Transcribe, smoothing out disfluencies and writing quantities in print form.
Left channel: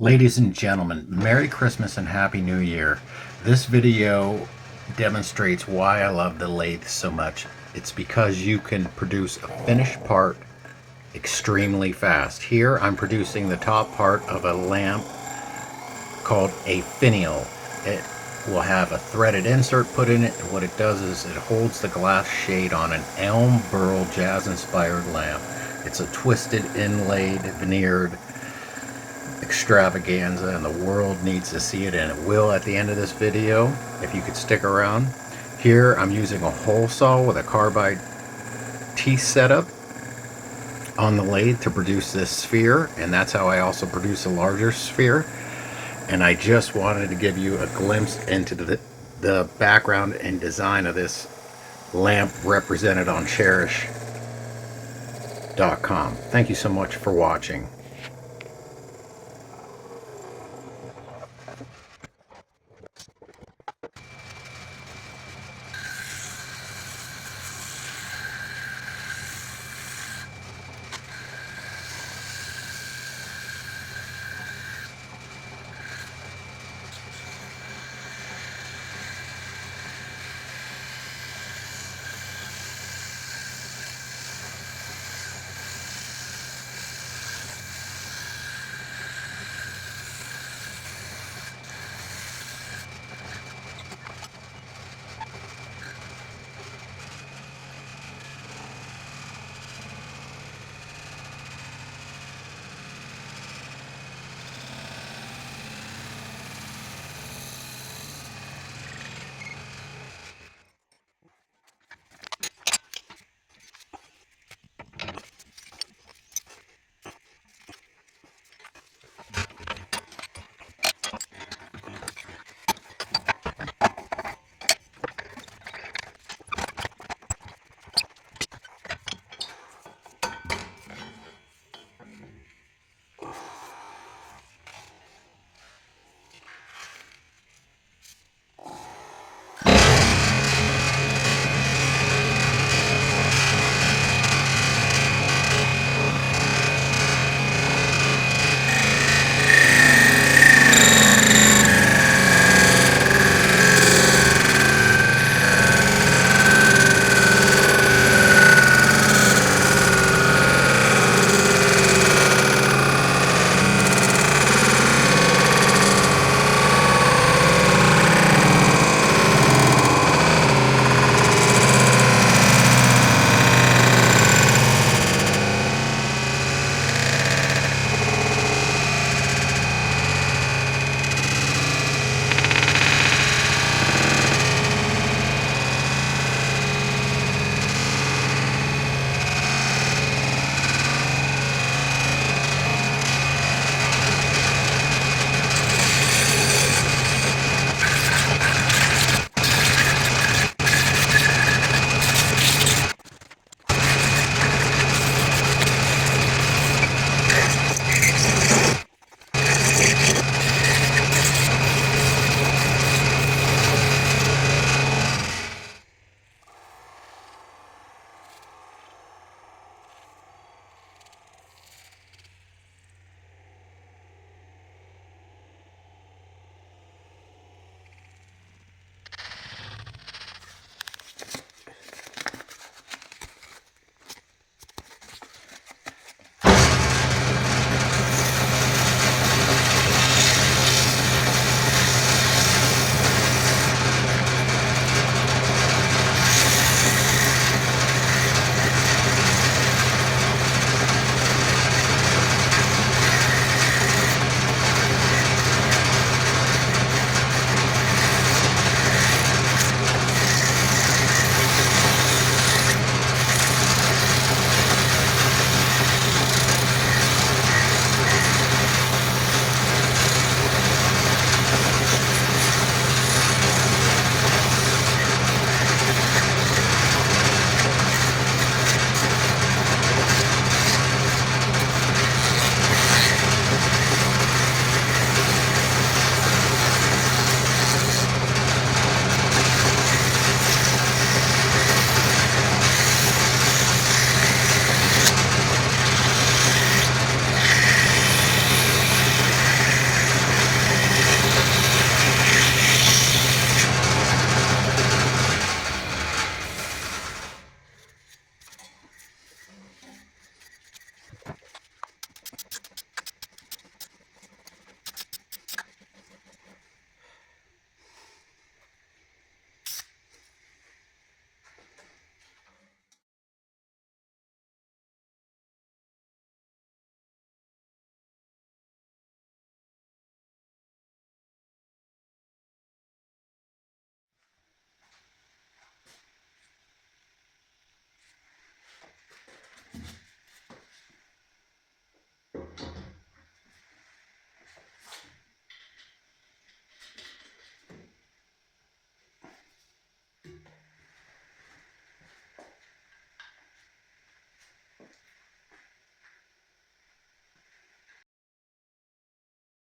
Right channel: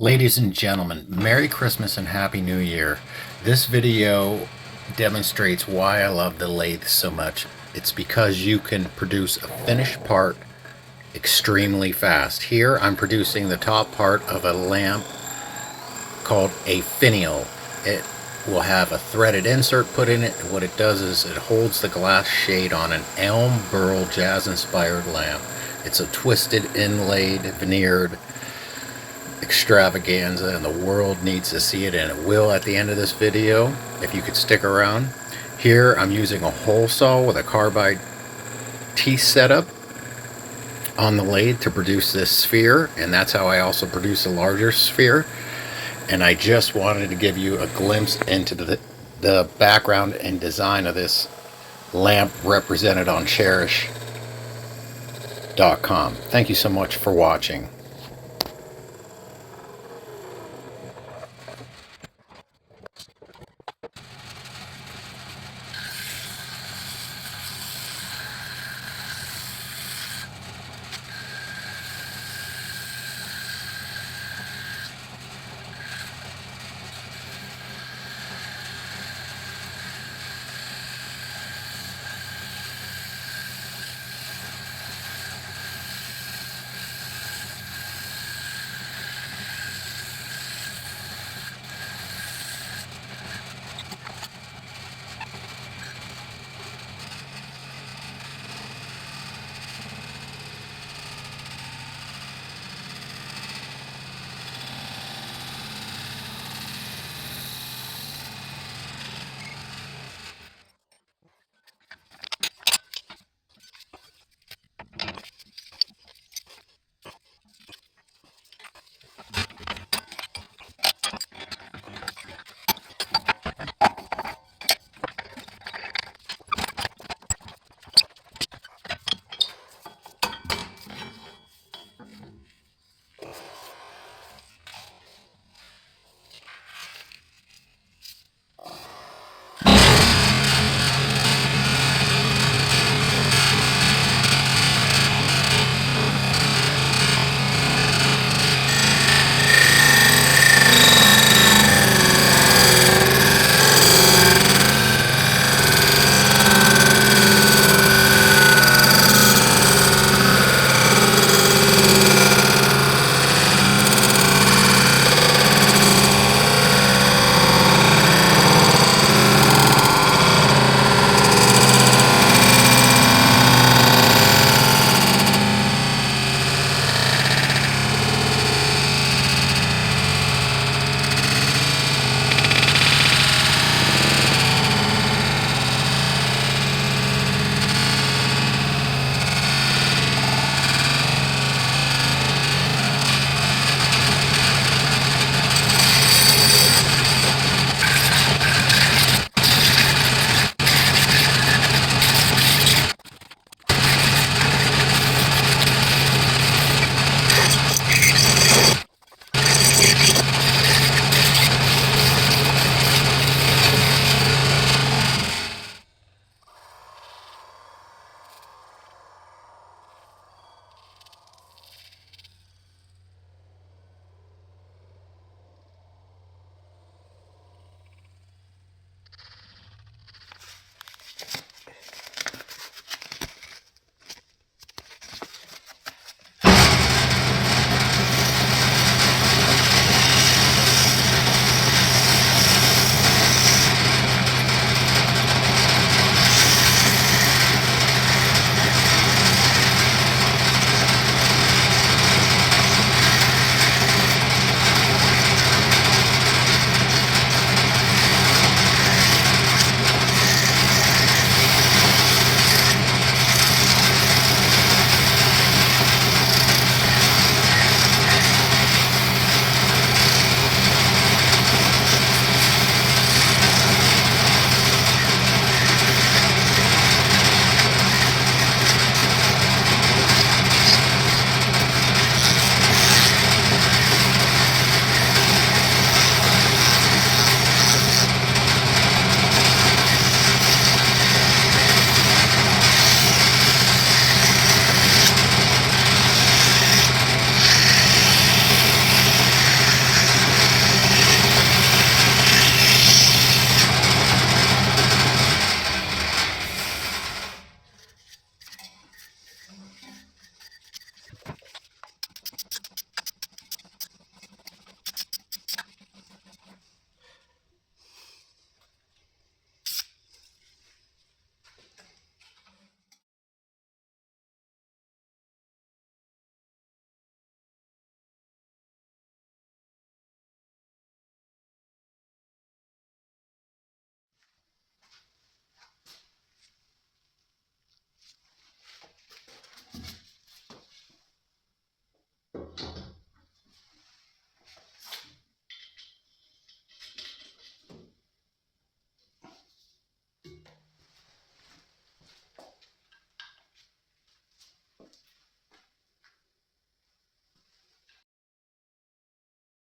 Ladies and gentlemen, Merry Christmas and Happy New Year. This video demonstrates why I love the lathe so much. It's because you can produce a finished part extremely fast. Here I'm producing the top part of a lamp called a finial. It will have a threaded insert put in it. What it does is it holds the glass shade on an elm burl jazz inspired lamp. It's a twisted, inlaid, veneered extravaganza, and the world needs to see it, and it will at the end of this video if you could stick around. Here I'm using a hole saw with a carbide teeth setup on the lathe to produce this sphere, and that's how I also produce a larger sphere. And I just wanted to give you a glimpse into the background and design of this lamp represented on cherish.com. Thank you so much for watching.